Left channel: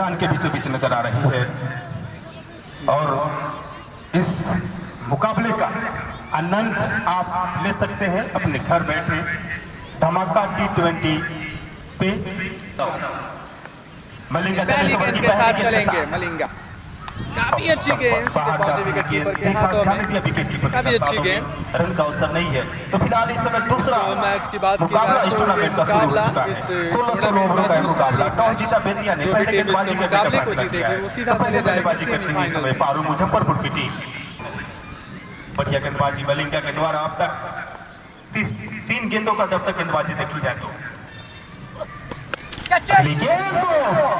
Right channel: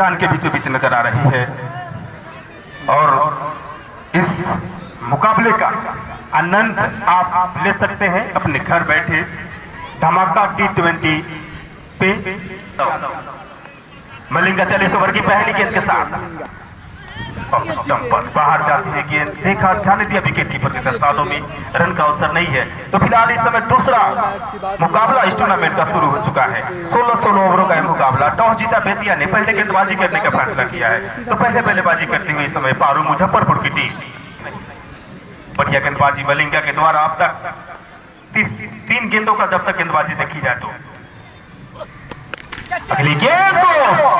मैदान के बीचों बीच नजर आ रही है और इस मुकाबले का आनंद आप ले सकते हैं अपने घर बैठे धमाका T20 पे। मलिंगा 40 ओवर की पहली गेंद के साथ मलिंगा काफी अच्छी गेंद बाहर जाती है गेंद, देखा जाने दिया विकेट कीपर के हाथों में, रन का अवसर नहीं है। तो फिलहाल इस समय दूसरा मुकाबला इस टूर्नामेंट का शुरू हो चुका है। 16 ओवरों का मुकाबला। टॉस जीता बेतिया ने पहले गेंदबाजी करने का फैसला किया है। तो पहले बल्लेबाजी करते हुए इस समय पारू मुजफ्फरपुर की टीम। बढ़िया गेंदबाजी मलिंगा के द्वारा अब तक 3 गेंदों का जब तक गेंदबाजी देखी जाए तो अगली गेंद को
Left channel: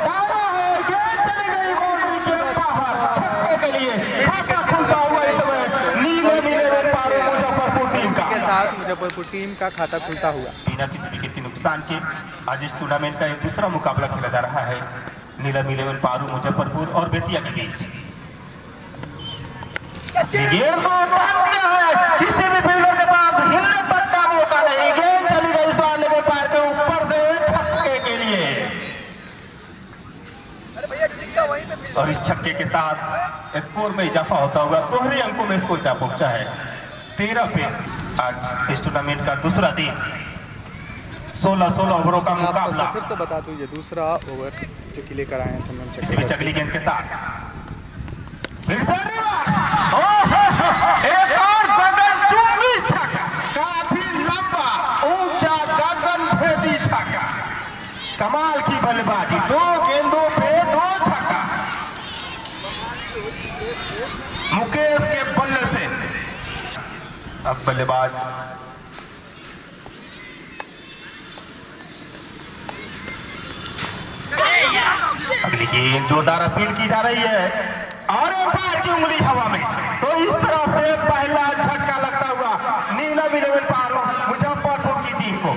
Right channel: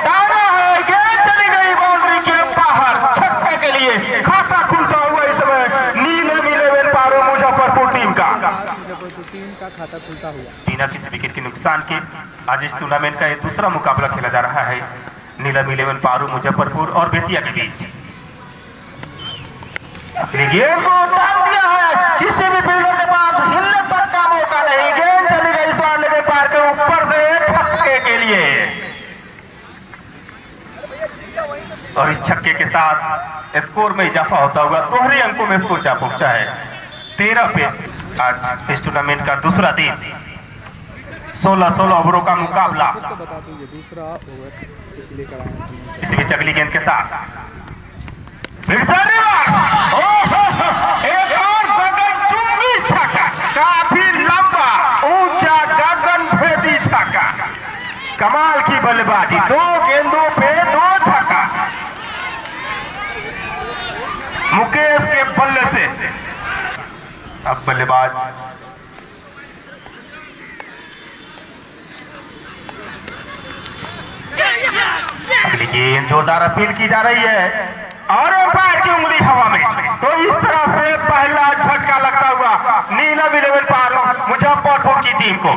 डाला है, गेंद चली गई बाउंड्री के बाहर, छक्के के लिए खाता खुलता हुआ इस समय नीलम 11 पारू मुजफ्फरपुर टीम का मुजफ्फरपुर टीम का खाता खुलता हुआ बिना किसी विकेट के नुकसान के। आज इस टूर्नामेंट का यह दूसरा मुकाबला खेला जा रहा है नीलम 11 पारू मुजफ्फरपुर और बेतिया के बीच। गेंद को डाल दिया है, किसी भी फील्डर के पास हिलने तक का मौका नहीं। गेंद चली गई स्वाले के पार के ऊपर से छक्के के लिए और इस छक्के के साथ स्कोर में इजाफा होता हुआ दोहरे अंकों में स्कोर जा पहुंचा है 13 पे। आज इस टूर्नामेंट का दूसरा दिन 16 ओवरों का मुकाबला। फिर से बता दूं ये दूसरा ओवर जो कि लेकर आए हैं चंदन इसी बीच अगली गेंद के साथ एक और गगनचुंबी छक्का, काफी लंबा ऊंचा गगनभेदी छक्का। कमाल की बल्लेबाजी, 2 गेंदों पे 2 छक्का मुकेश के बल्ले से। अब बल्लेबाज अगली गेंद जोरदार अपील की जा रही है और एम्पायर की उंगली हवा में। तो इस तरह से पहला झटका लगता हुआ नीलम 11 पारू मुजफ्फरपुर की टीम को।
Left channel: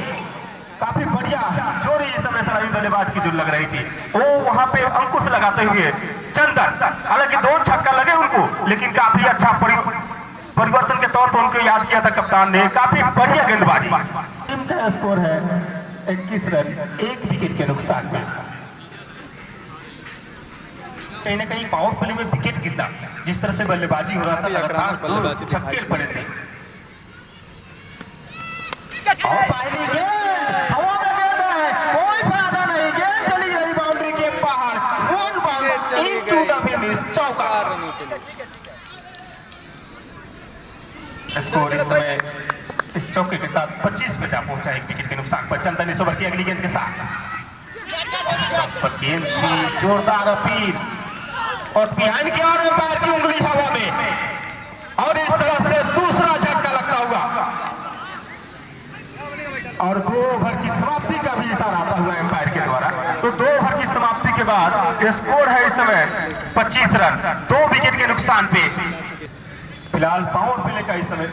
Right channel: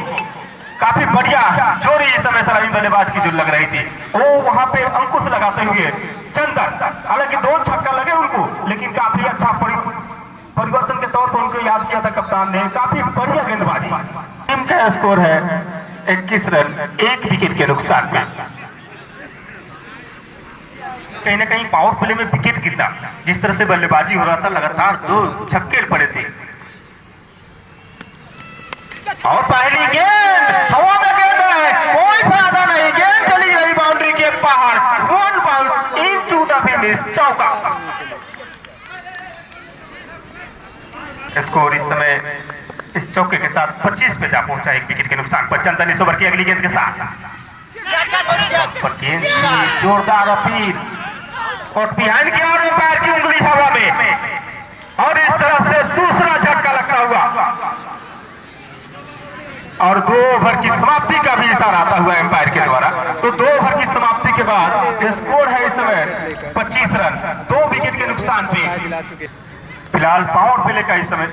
काफी बढ़िया जोरी इस समय सलामी बल्लेबाज की जो लग रही थी, वो वहां पे अंकुश लगाते हुए चंदन, हालांकि 2 छक्का लगे उनको, लेकिन काफी अच्छा परिवर्तन के तौर पर उनको याद किया था कप्तान ने। काफी बढ़िया गेंदबाजी। टीम का स्कोर है 21 रन 1 विकेट के नुकसान में। कहीं ना कहीं पावर प्ले में विकेट गिरना, जिस तरह से बल्लेबाजी हो रहा था, लगातार 2 छक्के पड़े थे। और पहली गेंद हवा में गेंद है, कोई फायदा नहीं, गेंद चली गई बाउंड्री के बाहर। 1 बाउंड इनटू द फिनिश, चौका। स्कोर इस समय इस चौके के साथ 25 पे जा पहुंचा 1 विकेट के नुकसान पर। चंदन इस ओवर की अगली गेंद के साथ गेंद की जोरदार अपील और बिहाइंड के और एम्पायर की उंगली हवा में और इस तरह से दूसरा झटका लगता हुआ और 2 ओवर की समाप्ति का भी इशारा आता हुआ एम्पायर के द्वारा। तो 2 ओवर की समाप्ति के बाद स्कोर है इस समय 25 रन 2 विकेट के नुकसान पे। फिलहाल पावर प्ले का इस समय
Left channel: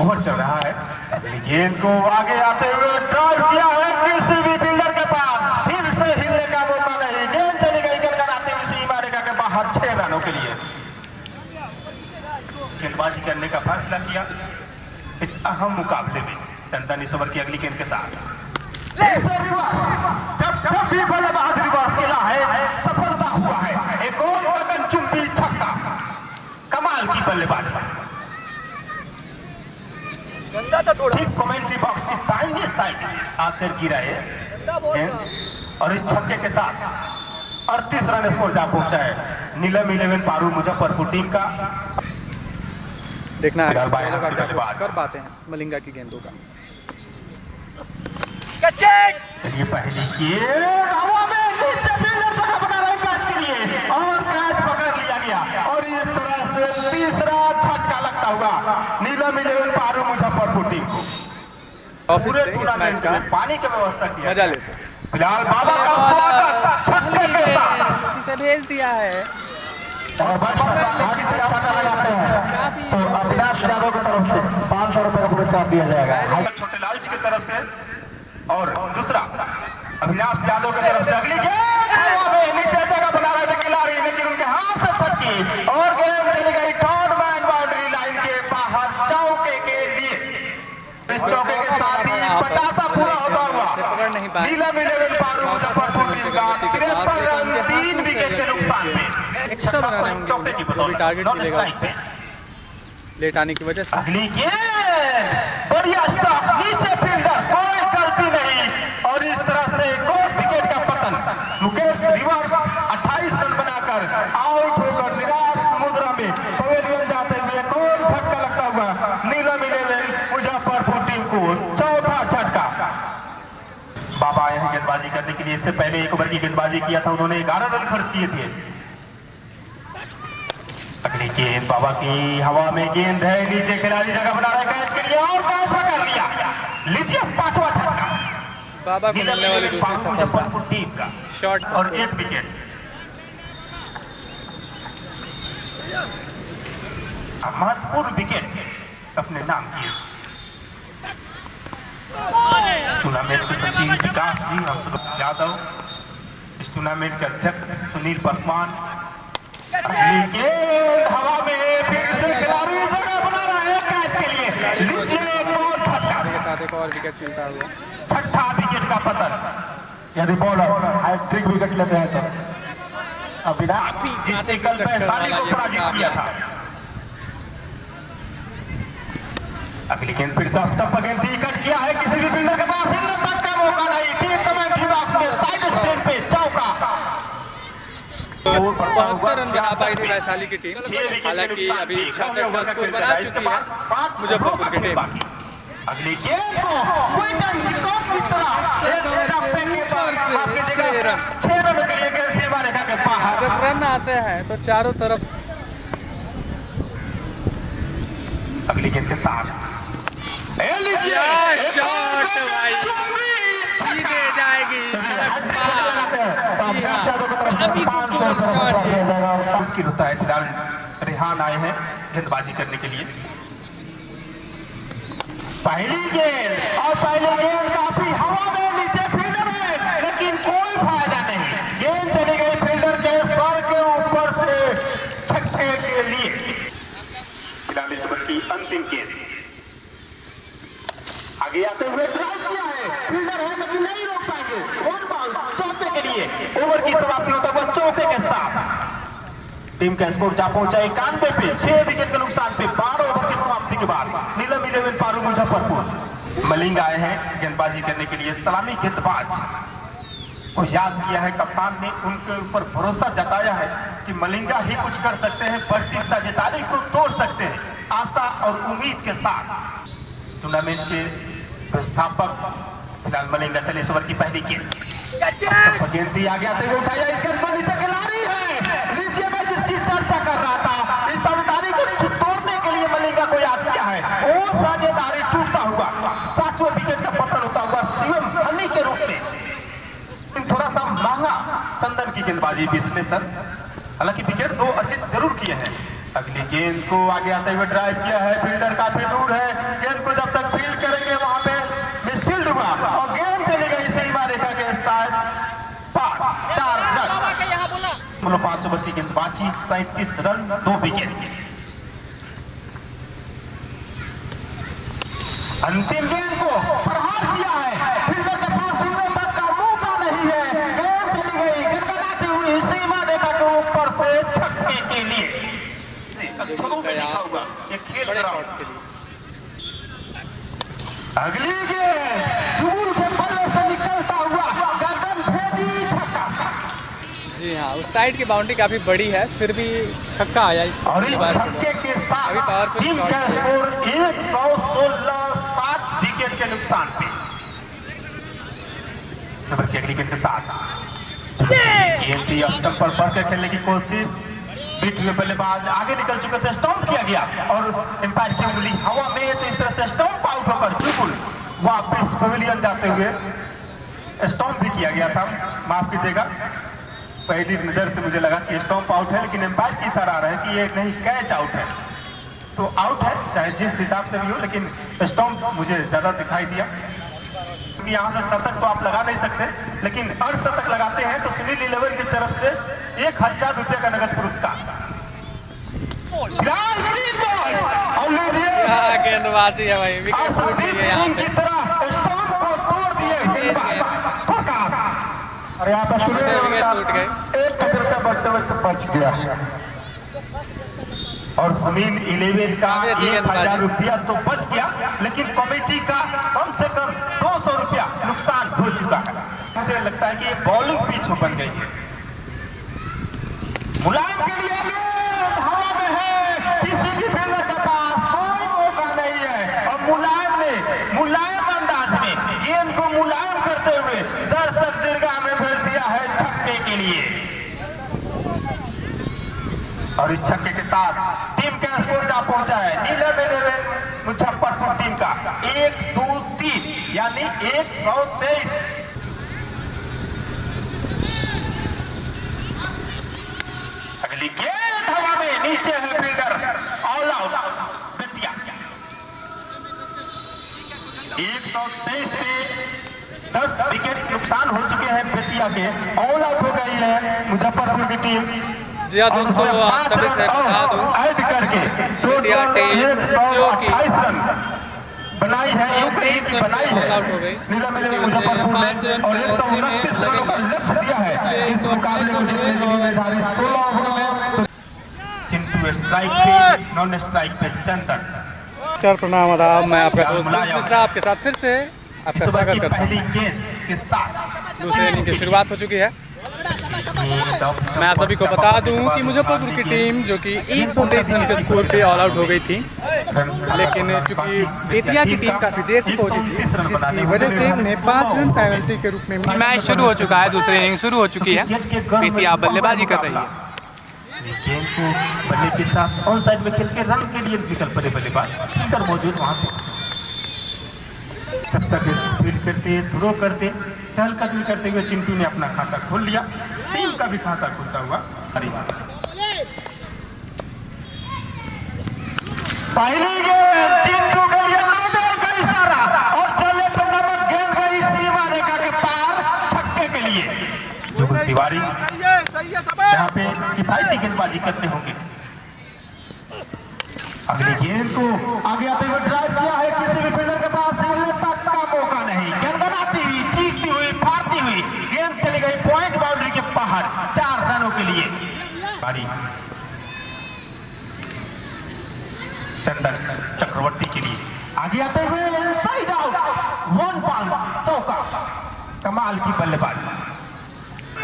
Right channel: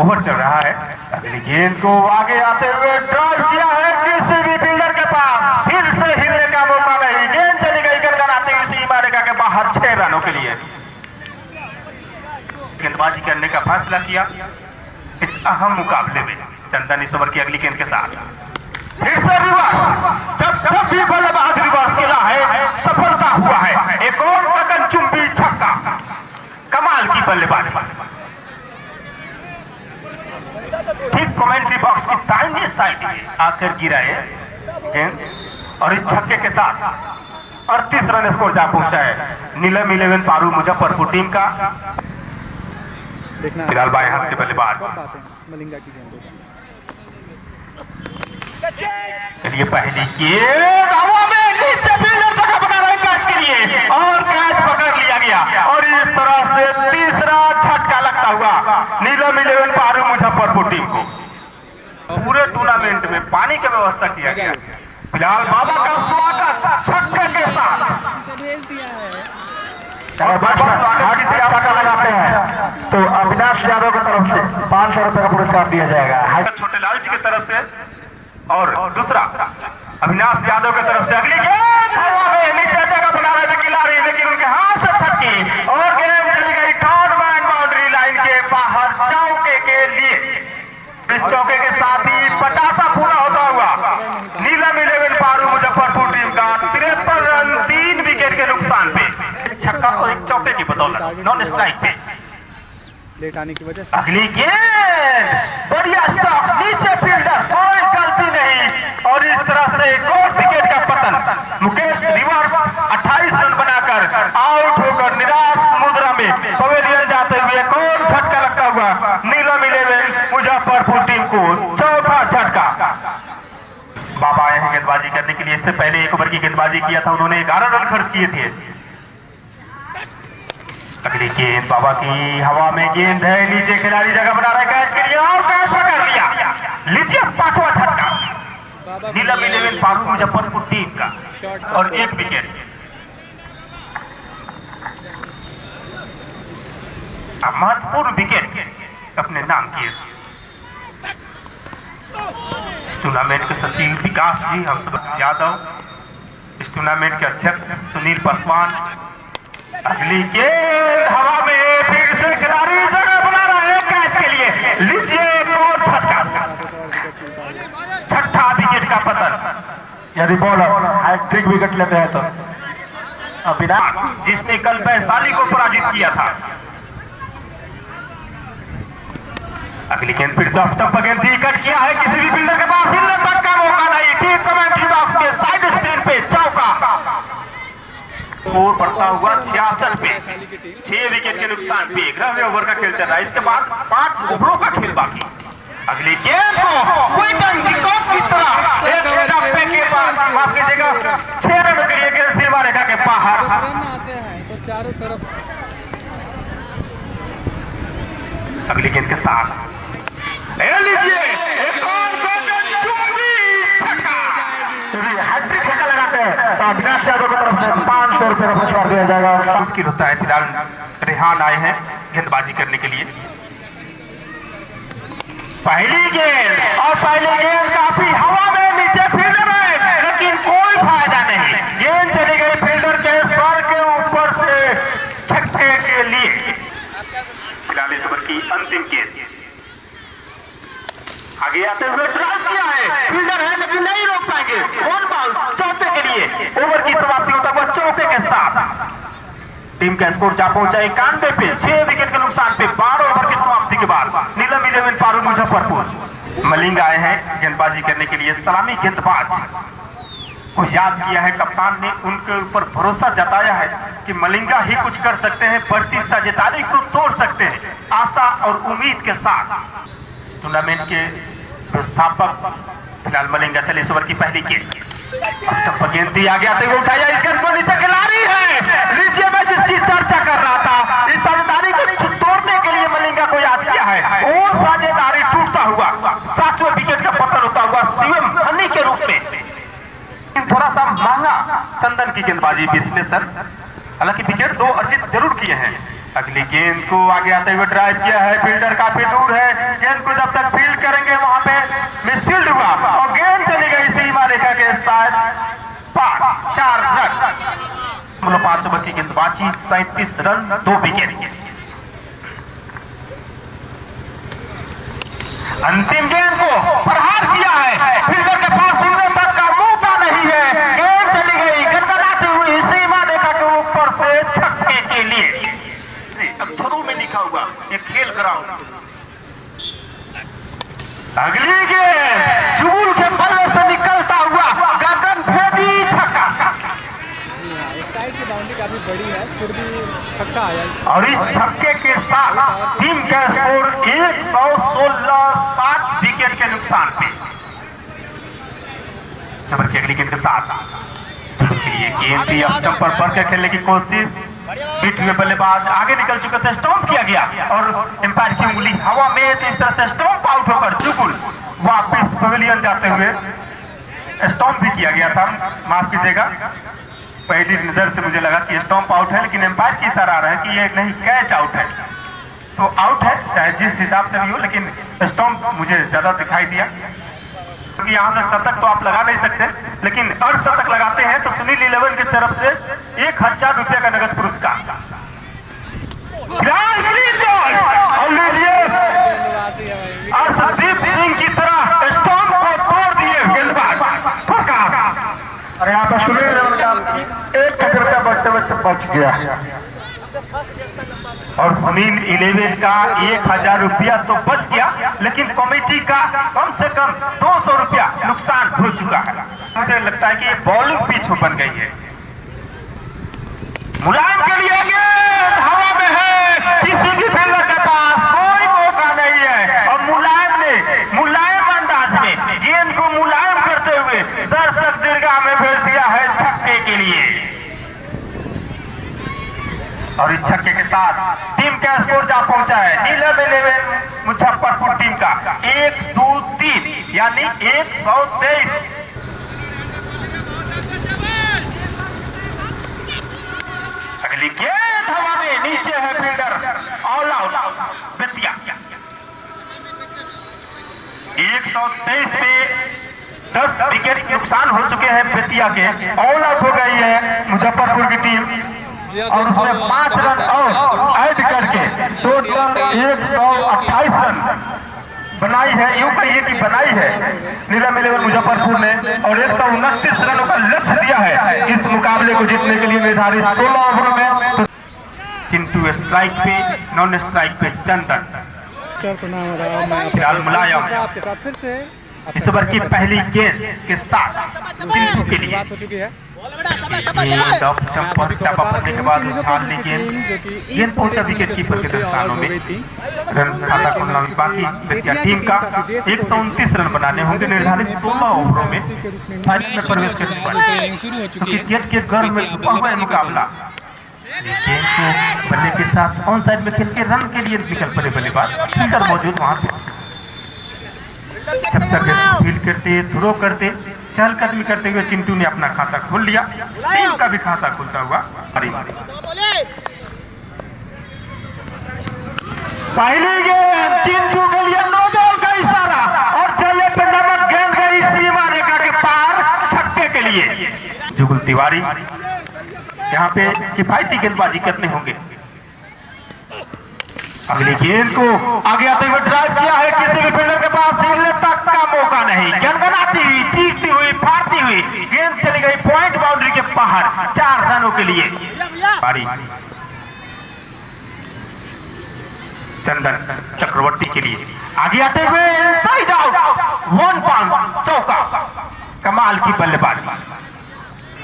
ओवर चल रहा है। अगली गेंद को आगे आते हुए ड्राइव किया है, किसी भी फील्डर के पास फिर से हिलने का मौका नहीं। गेंद चली गई करकराते हुई सीमा रेखा के बाहर 6 रनों के लिए। गेंदबाजी करने का फैसला किया इस अहम मुकाबले में चंदन इस ओवर की अगली गेंद के साथ फिर से रिवर्स। जब भी बल्लेबाज रिवर्स खेला है सफलता हुआ है। एक और गगनचुंबी छक्का, कमाल की बल्लेबाजी। ठीक कमेंट्री बॉक्स की दाहिने साइड आकर गिरा है और इस छक्के के साथ 38 रन स्कोर जा पहुंचा है नीलम 11 पारू मुजफ्फरपुर टीम का। देखना फिलहाल बाएं हाथ के बल्लेबाज कर पाते हैं मलिंगा की गेंदों का। चलिए पहली गेंद हवा में नीचे फील्डर जगह बना रहे कैच के लिए और कैच पकड़ लिया गया और इस तरह से तीसरा झटका लगता हुआ नीलम 11 पारू मुजफ्फरपुर टीम को। पूरे टूर्नामेंट में पानी की व्यवस्था किया गया। फिलहाल बाबा का स्वागत छक्के के साथ भेज दिया है और लगाते हैं तो अविनाश यादव की तरफ से 500 रुपए का पुरस्कार दिया जाएगा छोटे लाल जी की तरफ से और दूसरा अविनाश यादव की तरफ से। अगली गेंद नीचे जगह बना रहे थे खिलाड़ी, लेकिन उनके हाथ से छक्की और गेंद चली गई टॉर्नामेंट बाउंड्री लाइन के बाहर चौके के लिए। इस चौके के साथ ही 50 पूरा होता हुआ नीलम 11 पारू मुजफ्फरपुर टीम और एक चौके की बदौलत नॉन स्ट्राइक पे। लेट आने की वजह से अगली गेंद बढ़िया स्टॉप, नीचे फील्डर, कोई गलती नहीं और इस तरह से एक और विकेट का पतन। मुकेश रिवर्स 28 रन बनाकर आउट होकर निराश मुद्रा में पवेलियन जाते हुए एक और झटका लगता हुआ नीलम 11 मुजफ्फरपुर टीम को चौथा झटका। बाबा आए हैं गेंदबाजी करने के लिए। इससे पहले एक ओवर की गेंदबाजी किया था उन्होंने, 11 रन खर्च किए थे। अगली गेंद बाबा की हवा में गेंद है, नीचे खिलाड़ी जगह बना रहा है कैच के लिए और कैच पकड़ लिया। लीजिए पांचवा झटका बाबा नीलम 11 पारू मुजफ्फरपुर टीम का शॉट और एक विकेट। अब महत्वपूर्ण विकेट अपने नाम किए। इस टूर्नामेंट के सचिव विकास जी हंसराज यादव, इस टूर्नामेंट के अध्यक्ष सुनील पासवान। अगली गेंद हवा में, फिर से खिलाड़ी जगह बना रहा है कैच के लिए। लीजिए एक और झटका, साथ एक और विकेट मिलता है। छठा विकेट का पतन। यदि बॉलर हैट्रिक विकेट लेते हैं तो विराट जिसने कल वैशाली को पराजित किया था। अगली गेंद फिर से ऑफ स्टंप पर गेंद कट किया है, किसी भी फील्डर के पास हिलने तक का मौका नहीं। ठीक कमेंट्री बॉक्स में साइड स्क्रीन पे चौका। और बढ़ता हुआ 66 पे वैशाली की टीम 6 विकेट के नुकसान पे 11वें ओवर का खेल चल रहा है। इसके बाद 5 ओवरों का खेल बाकी। अगली गेंद को क्विंटन डिकॉक की तरह एक डब्बे के पास आपकी जगह 6 रनों के लिए गेंद सीमा रेखा के बाहर। जब रन आते हैं तो चारों तरफ। अगली गेंद के साथ लीजिए एक और मुश्किल होता है। फिलहाल रेहान आए हैं गेंदबाजी करने के लिए। पहली गेंद और पहली गेंद काफी हवा में, नीचे फील्डर है लेकिन कोई फायदा नहीं। गेंद चली गई फील्डर के सर के ऊपर से छक्के के लिए। फिलहाल इस ओवर की अंतिम गेंद आगे आते हुए ड्राइव किया है, फील्डर है लेकिन नहीं रोक पाएंगे। वन बाउंस चौके के लिए। ओवर की समाप्ति होता हुआ चौके के साथ टीम का स्कोर जा पहुंचा 91 पे 6 विकेट के नुकसान पे 12 ओवर की समाप्ति के बाद नीलम 11 पारू मुजफ्फरपुर। मलिंग आए हैं गेंदबाजी करने के लिए। सलामी गेंदबाज को याद किया है कप्तान ने, उनके ऊपर भरोसा जताया है कि मलिंगा ही कुछ कर सकते हैं, बढ़ती साझेदारी को तोड़ सकते हैं। आशा और उम्मीद के साथ टूर्नामेंट के संस्थापक फिलहाल मलिंगा चले। इस ओवर की पहली गेंद गेंद दी आगे आते हुए उठाया, इस गेंद को नीचे खिलाड़ी है। लीजिए मैं जिसकी चर्चा कर रहा था, इस साझेदारी को तोड़ने के लिए मलिंगा को याद किया है। वो साझेदारी टूटता हुआ 7वें विकेट का पतन होता हुआ शिवम हनी के रूप में। थोड़ा सा महंगा चंदन की गेंदबाजी विश्लेषण, हालांकि विकेट 2 अर्जित जरूर किए हैं। अगली गेंद को आगे आते हुए ड्राइव किया है, फील्डर काफी दूर है। गेंद को जब तक फील्ड करेंगे वहां पे मिसफील्ड हुआ और गेंद चली गई सीमा रेखा के साथ पार। 4 रन 5 ओवर की गेंदबाजी, 37 रन 2 विकेट। अंतिम गेंद को प्रहार किया है, फील्डर के पास हिलने तक का मौका नहीं है। गेंद चली गई गड़गड़ाती हुई सीमा रेखा के ऊपर से छक्के के लिए। अक्षरों में लिखा हुआ एक खेल ग्राउंड। अगली गेंद जुगुल के बल्ले से निकलता हुआ गगन भेदी छक्का। जी हाँ, उस साइड की बाउंड्री काफी बड़ी है, फिर भी छक्का आया और इस छक्के के साथ टीम का स्कोर 116, 7 विकेट के नुकसान पे। जबर की अगली गेंद के साथ गेंद भी अब स्टंप पर बढ़कर खेलने की कोशिश। बीच में बल्लेबाज आगे निकल चुके थे, स्टंप किया गया और एम्पायर की उंगली हवा में, इस तरह से स्टंप आउट होकर जुगुल वापिस पवेलियन जाते हुए स्टंप भी किया गया था। माफ कीजिएगा, पहली नजर से मुझे लगा कि स्टंप आउट है, लेकिन एम्पायर की इशारा आ रहा है कि ये नहीं कैच आउट है। तो आउट है चाहे जिस हिसाब से भी हो, लेकिन स्टंप मुझे ज्यादा दिखाई दिया क्योंकि यहाँ से शतक तो आप लगा नहीं सकते, लेकिन अर्धशतक लगाते हैं तो सुनील 11 की तरफ से 1000 रुपये का नगद पुरस्कार। और लीजिए गेंदबाजी है भाई, अर्शदीप सिंह की तरह स्टंप को तोड़ दिए गेंदबाज प्रकाश। और यहाँ पर सुनील 1,000 रुपया बचते बच गया। और सुनील 11 का 1000 रुपया तो बच गया, लेकिन कमेटी का कम से कम 200 रुपया नुकसान हो चुका है। मुझे लगता है कि ये बॉलिंग पिच बन गई है। मुलायम के लिए गेंद हवा में है, किसी भी फील्डर के पास कोई मौका नहीं है, और मुलायम ने मुलायम अंदाज में गेंद को मुलायम करते हुए दर्शक दीर्घा में भेज दिया है छक्के के लिए। और इस छक्के के साथ टीम का स्कोर जा पहुंचा है नीलम 11 मुजफ्फरपुर टीम का 1-2-3 यानी 123। अगली गेंद हवा में, नीचे है फील्डर, ऑल आउट बेतिया। 123 पे 10 विकेट नुकसान हो चुके हैं बेतिया के, ऑल आउट हो गई है मुजफ्फरपुर की टीम। जी हाँ और दोस्तों, उसमें 5 रन और ऐड करके टोटल 128 रन बनाई है, यूं कहिए कि बनाई है नीलम 11 मुजफ्फरपुर ने, और 129 रनों का लक्ष्य दिया है इस मुकाबले को जीतने के लिए निर्धारित 16 ओवरों में। चिंटू स्ट्राइक पे, नॉन स्ट्राइक पे चंदन। नमस्कार, प्रणाम, आदाब। मैं आपके साथ फिर से इस ओवर की पहली गेंद के साथ दूसरे इनिंग की शुरुआत हो चुकी है। मैं आप सभी को बता दूं कि मुजफ्फरपुर की टीम जो कि 123 रन के स्कोर पे ऑल आउट हो गई थी, लेकिन चूंकि बेतिया की टीम काफी देर से पहुंची थी, जिसकी वजह से उन्हें 5 रन पेनल्टी के रूप में मैच शुरू हो चुका है। दूसरी इनिंग शुरू हो चुकी है, बेतिया बल्लेबाजी कर रही है। बल्ले के साथ ऑन साइड में खेल के रन के लिए निकल पड़े बल्लेबाज, फील्डर मौजूद वहां पे। जब तक फील्ड करते, थ्रो करते, चहलकदमी करते हुए चिंटू ने अपना खाता खोल लिया, टीम का भी खाता खुलता हुआ। पहली गेंद चिंटू के लिए नो बॉल का इशारा, और चले पे नमक, गेंद गई सीमा रेखा के पार छक्के के लिए। जुगल तिवारी यहाँ पे किफायती गेंदबाजी करने होंगे। अगली गेंद को आगे आते हुए ड्राइव किया है, किसी भी फील्डर के पास हिलने तक का मौका नहीं, गनगनाती हुई, चीखती हुई, फाड़ती हुई गेंद चली गई पॉइंट बाउंड्री के बाहर 4 रनों के लिए। पारी चंदन चक्रवर्ती के लिए आगे आते हुए इनसाइड आउट, 1 बाउंस चौका, कमाल की बल्लेबाजी।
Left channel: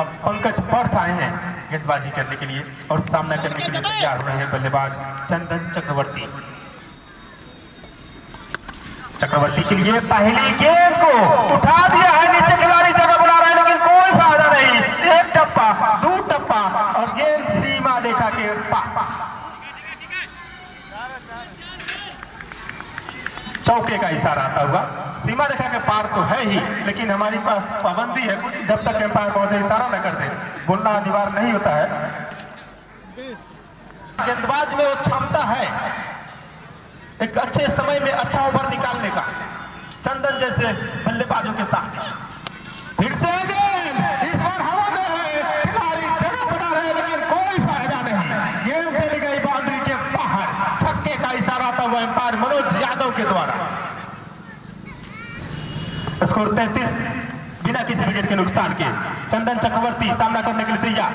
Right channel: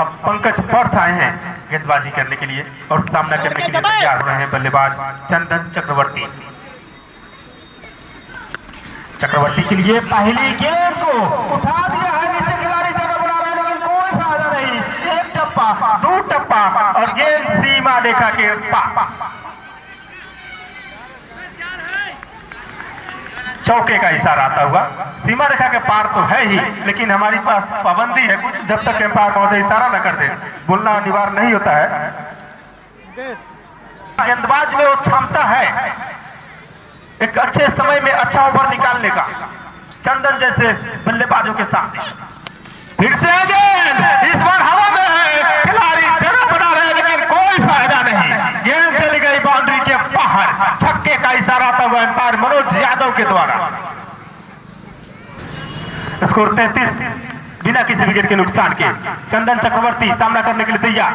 अब पंकज पर्थ आए हैं गेंदबाजी करने के लिए और सामना करने के लिए तैयार हो रहे हैं बल्लेबाज चंदन चक्रवर्ती। चक्रवर्ती के लिए पहली गेंद को उठा दिया है, नीचे खिलाड़ी जगह बना रहा है, लेकिन कोई फायदा नहीं। 1 टप्पा, 2 टप्पा और गेंद सीमा रेखा के पार। चौके का इशारा आता हुआ, सीमा रेखा के पार तो है ही, लेकिन हमारे पास पाबंदी है कुछ, जब तक एम्पायर महोदय इशारा न कर दे बोलना अनिवार्य नहीं होता है। गेंदबाज में वो क्षमता है एक अच्छे समय में अच्छा ओवर निकालने का, चंदन जैसे बल्लेबाजों के सामने। फिर से गेंद इस बार हवा में है, खिलाड़ी जगह बना रहे, लेकिन कोई फायदा नहीं, गेंद चली गई बाउंड्री के बाहर। छक्के का इशारा आता हुआ एम्पायर मनोज यादव के द्वारा। स्कोर 33 बिना किसी विकेट के नुकसान के। चंदन चक्रवर्ती सामना करने के लिए तैयार।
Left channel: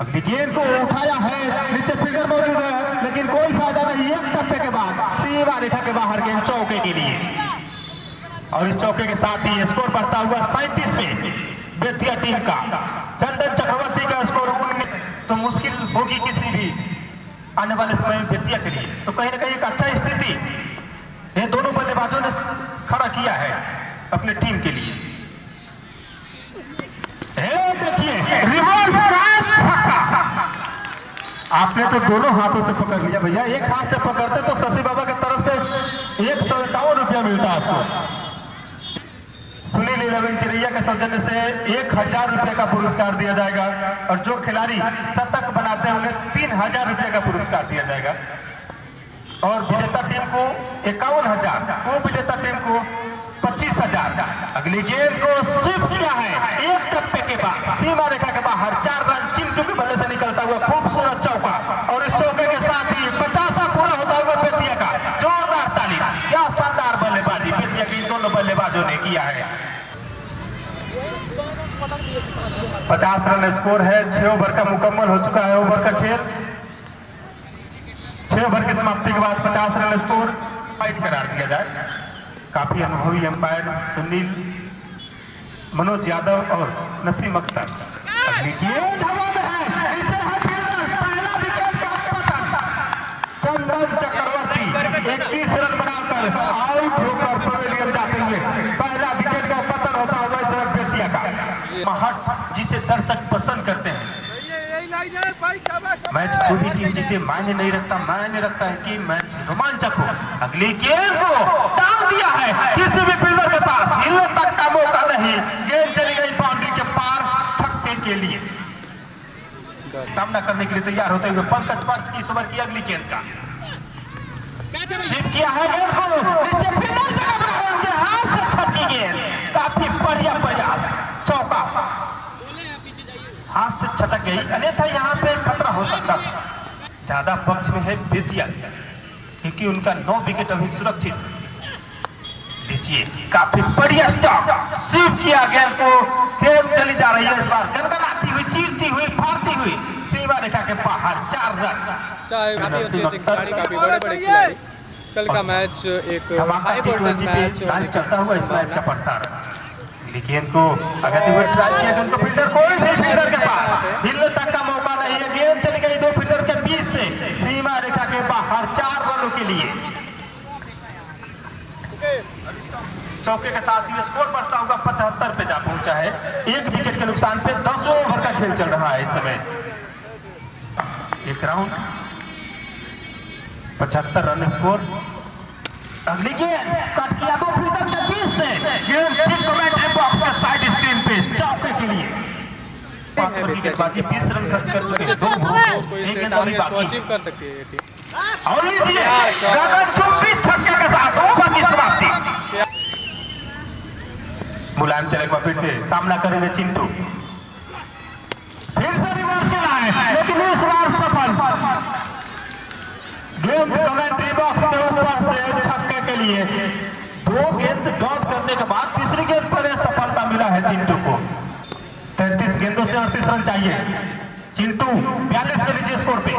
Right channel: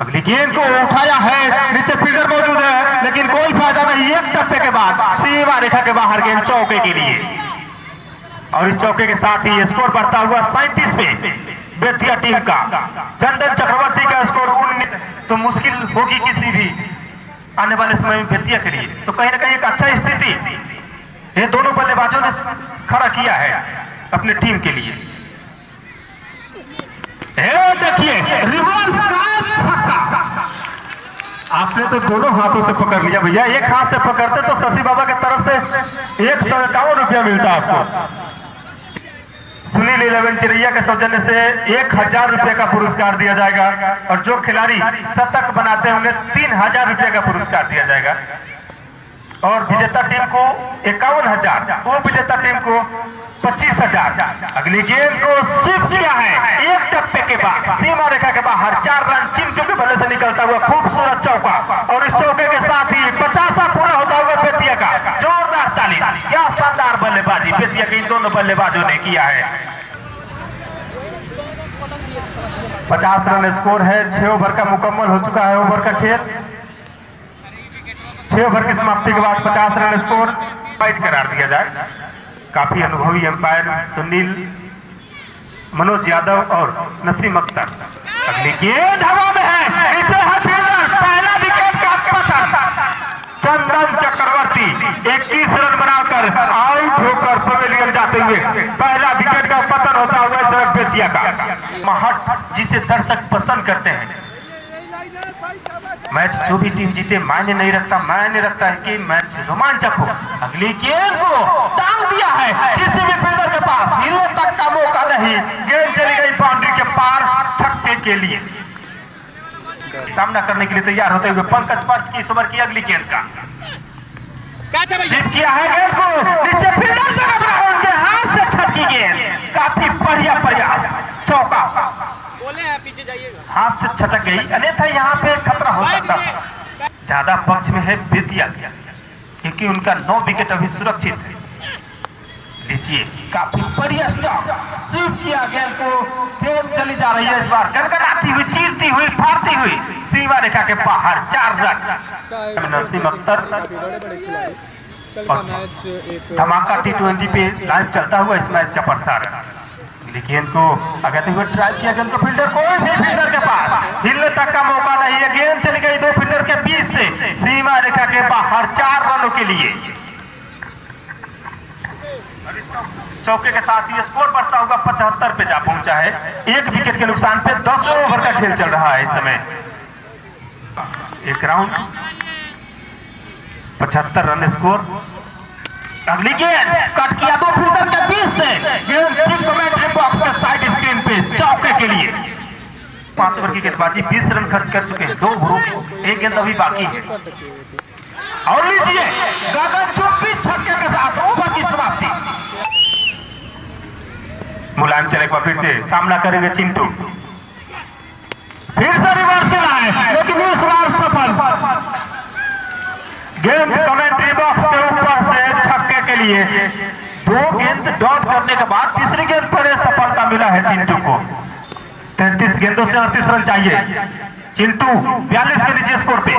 अगली गेंद को उठाया है, नीचे फील्डर मौजूद है, लेकिन कोई फायदा नहीं। 1 टप्पे के बाद सीमा रेखा के बाहर गेंद चौके के लिए, और इस चौके के साथ ही स्कोर बढ़ता हुआ 37 पे बेतिया टीम का। चंदन चक्रवर्ती का स्कोर 19 तो मुश्किल होगी किसी भी आने वाले समय में बेतिया के लिए, तो कहीं ना कहीं एक अच्छा स्थिति ये दोनों बल्लेबाजों ने खड़ा किया है अपने टीम के लिए। देखिए रिवर्स कास्ट छक्का, आपने तो दोनों हाथों से पकड़ लिया भैया, एक हाथ से पकड़ते तो शशि बाबा की तरफ से 151 रुपया मिलता आपको। सुनील 11 चिरैया के सौजन्य से 1000 रुपये का पुरस्कार दिया जाएगा, और जो खिलाड़ी शतक बनाते होंगे 3000 रुपये का पुरस्कार दिया जाएगा, और विजेता टीम को 51,000, वो विजेता टीम को 25,000। अगली गेंद को स्वीप किया है, 1 टप्पे के बाद सीमा रेखा के बाहर 4 रन चिंटू के बल्ले से निकलता हुआ खूबसूरत चौका, और इस चौके के साथ ही 50 पूरा होता हुआ बेतिया का जोरदार ताली। क्या शानदार बल्लेबाजी बेतिया के इन दोनों बल्लेबाजों ने किया है। 50 रन स्कोर है, 6 ओवर का मुकम्मल हो चुका है ओवर का खेल। 6 ओवर की समाप्ति के बाद 50 रन स्कोर फाइट करार दिया जाए। काफी अनुभवी अंपायर सुनील, मनोज यादव और नसीम अख्तर। अगली गेंद हवा में है, नीचे है फील्डर, पहला विकेट का पतन। चंदन चक्रवर्ती 21 रन बनाकर आउट होकर पवेलियन जाते हुए पहला विकेट का पतन होता हुआ इस वक्त बेतिया का महट, जिसे दर्शक पसंद करते हैं। मैच जो भी टीम जीते मायने नहीं रखता, मायने रखता है कि मैच रोमांचक हो। अगली गेंद को टांग दिया है किसी भी फील्डर के पास, हिलने तक का मौका नहीं, गेंद चली गई बाउंड्री के पार छक्के के लिए। सामना करने के लिए तैयार होते हुए पंकज पार्थ की इस ओवर की अगली गेंद का स्वीप किया है, गेंद को नीचे फील्डर जगह बना उनके हाथ से छटकी गेंद, काफी बढ़िया प्रयास, चौका हाथ से छटक गई, अन्यथा यहाँ पे खतरा हो सकता था। ज्यादा पक्ष में है बेतिया क्योंकि उनका 9 विकेट अभी सुरक्षित है। लीजिए काफी बढ़िया स्टॉप, स्वीप किया गेंद को, गेंद चली जा रही है इस बार गनगनाती हुई, चीरती हुई, फाड़ती हुई सीमा रेखा के बाहर 4 रन। काफी बड़े खिलाड़ी। कल का मैच एक धमाका T20 पे लाइव चलता हुआ इस मैच का प्रसारण। गेंद को आगे हुए ट्राई किया, गेंद को फील्डर, कोई भी फील्डर के पास हिलने तक का मौका नहीं है, गेंद चली गई 2 फील्डर के बीच से सीमा रेखा के बाहर 4 रनों के लिए। चौके के साथ ही स्कोर बढ़ता हुआ 75 पे जा पहुंचा है। 1 विकेट के नुकसान पे 10 ओवर का खेल चल रहा है इस समय। एक राउंड 75 रन स्कोर। अगली गेंद कट किया 2 फील्डर के बीच से, गेंद ठीक कमेंट्री बॉक्स के साइड स्क्रीन पे चौके के लिए। 5 ओवर की गेंदबाजी 20 रन खर्च कर चुके हैं, 2 ओवर, एक गेंद अभी बाकी है। और लीजिए गगनचुंबी छक्के के साथ ओवर की समाप्ति। मुलायम चले को फिर से सामना करेंगे चिंटू, फिर से रिवर्स खेला है लेकिन इस बार सफल। गेंद कमेंट्री बॉक्स के ऊपर से छक्के के लिए। 2 गेंद डॉट करने के बाद तीसरी गेंद पर सफलता मिला है चिंटू को। 33 गेंदों से 38 रन चाहिए। चिंटू 42 के नीचे स्कोर पे।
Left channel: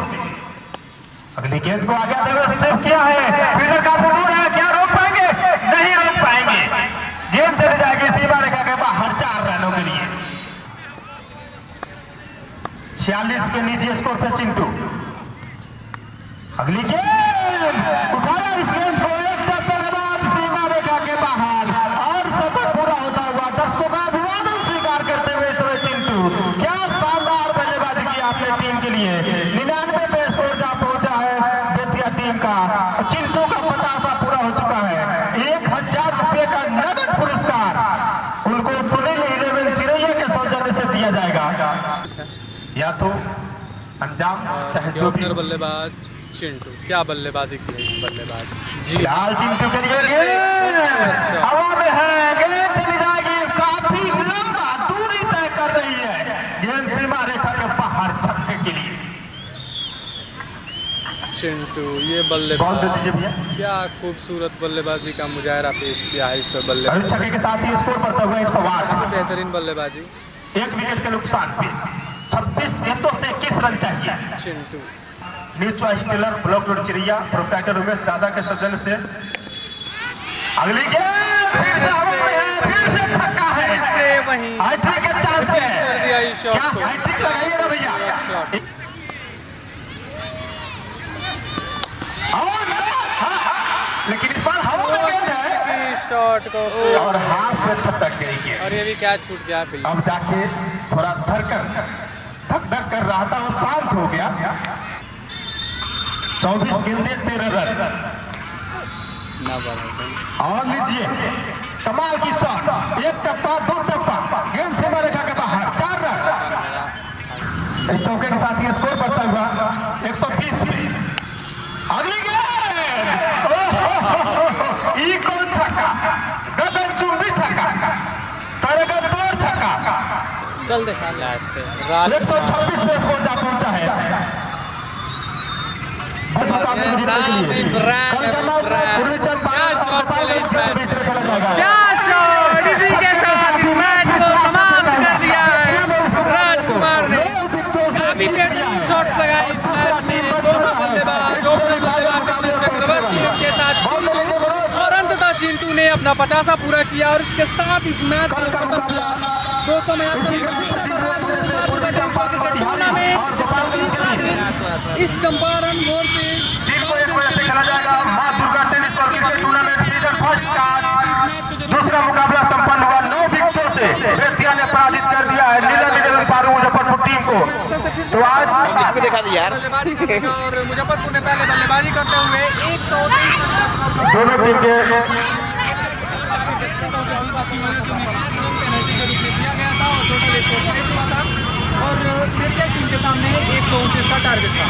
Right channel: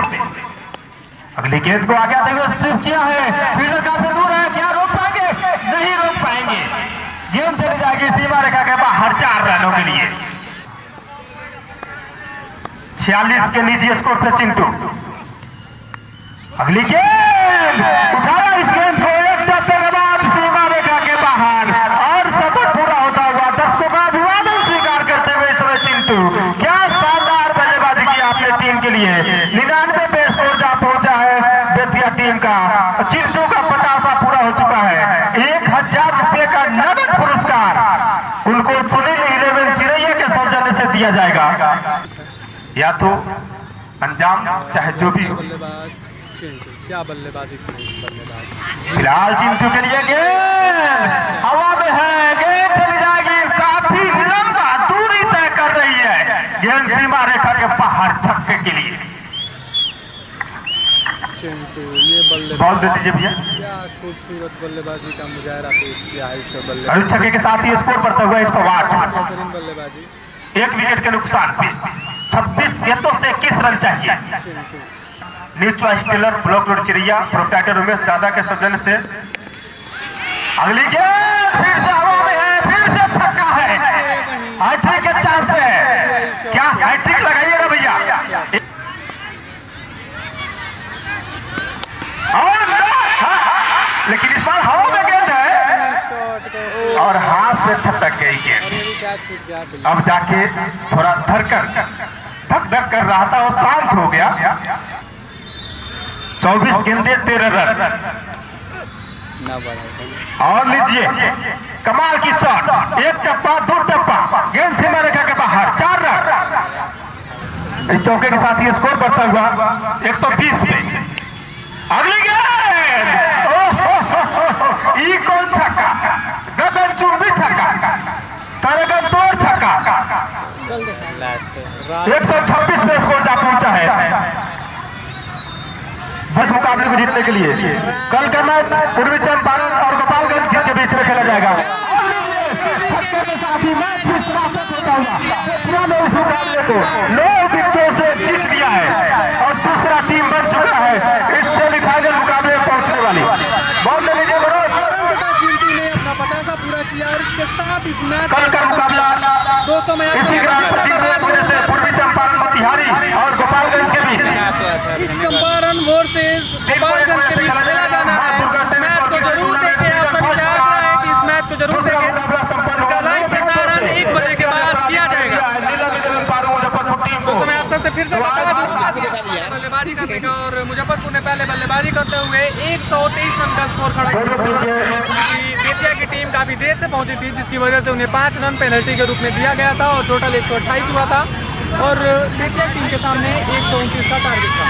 अगली गेंद को आगे आते हुए स्वीप किया है, फील्डर काफी दूर है, क्या रोक पाएंगे? नहीं रोक पाएंगे, गेंद चली जाएगी सीमा रेखा के बाहर 4 रनों के लिए। 46 के नीचे स्कोर पे चिंटू। अगली गेंद उठाया, इस गेंद को 1 टप्पे के बाद सीमा रेखा के बाहर और शतक पूरा होता हुआ दर्शकों का अभिवादन स्वीकार करते हुए इस समय चिंटू, क्या शानदार बल्लेबाजी की आपने टीम के लिए। 99 पे स्कोर जा पहुंचा है बेतिया टीम का। चिंटू का 50वां पूरा हो चुका है। 1000 रुपए का नगद पुरस्कार उनको सुनील 11 चिरैया के सौजन्य से दिया जाएगा। या तो अंजाम चाहे जो भी। बल्लेबाज चिंटू, क्या बल्लेबाजी की है इस बल्लेबाज। फिलहाल चिंटू के लिए गेंद हवा में है, गेंद चली जाएगी, काफी लंबा दूरी तय कर रही है, गेंद सीमा रेखा के बाहर छक्के के लिए। चिंटू ये बल्लेबाज, बॉल दे दीजिए भैया। क्या खूबसूरत बल्लेबाजी का मुजाहरा पेश किया है इस बल्लेबाज। छक्के के साथ ही स्कोर बढ़ता हुआ 108। बेहतरीन बल्लेबाजी। 1 विकेट के नुकसान पे 26 गेंदों से 21 रन चाहिए। Chintu news stellar block road चिड़िया प्रोप्राइटर उमेश दादा के सौजन्य से। अगली गेंद फिर से हवा में है, फिर से छक्का है, हैट्रिक के चांस पे है, क्या हैट्रिक लगाइएगा भैया। लेकिन इस बार हवा में गेंद है, शॉट को और हाथ से छटक गई गेंद। और ये भी क्या छूट गया फील्ड। अब जाके थोड़ा धक कर रहा था, वो शांत हो गया। 24 गेंदे 13 रन। और लीजिए कमाल की शॉट, 1 टप्पा 2 टप्पा, गेंद सीमा रेखा के बाहर 4 रन। इस चौके के साथ ही स्कोर बढ़ता हुआ 120 में। अगली गेंद, कौन छक्का, गगनचुंबी छक्का, तरगन तोड़ छक्का। चल देखा लास्ट 126 में स्कोर जा पहुंचा है बस मुकाबले को जीतने के लिए। कल का मैच पूर्वी चंपारण और गोपालगंज के बीच में खेला जाएगा। छक्के के साथ ही मैच की समाप्ति होता हुआ बेतिया ने इस मुकाबले को 9 विकेटों से जीत लिया है और दूसरा टीम बन चुका है इस सेमीफाइनल 50 पूरा किया और इसके साथ इस मैच को खत्म किया। दोस्तों मैं आपको इस चंपारण वर्सेस इस मैच को जरूर दूसरा मुकाबला संपन्न हुआ 9 विकेटों से मुजफ्फरपुर टीम को। मैं आप सबसे फिर से बल्लेबाजी करने का और मुजफ्फरपुर ने पहले बल्लेबाजी करते हुए 123 रन का स्कोर खड़ा किया। बेतिया की टीम काफी देर से पहुंची थी जिसकी वजह से उन्हें 5 रन पेनल्टी के रूप में दिया गया था और टोटल 128 हुआ था और बेतिया टीम के सामने 129 का टारगेट था।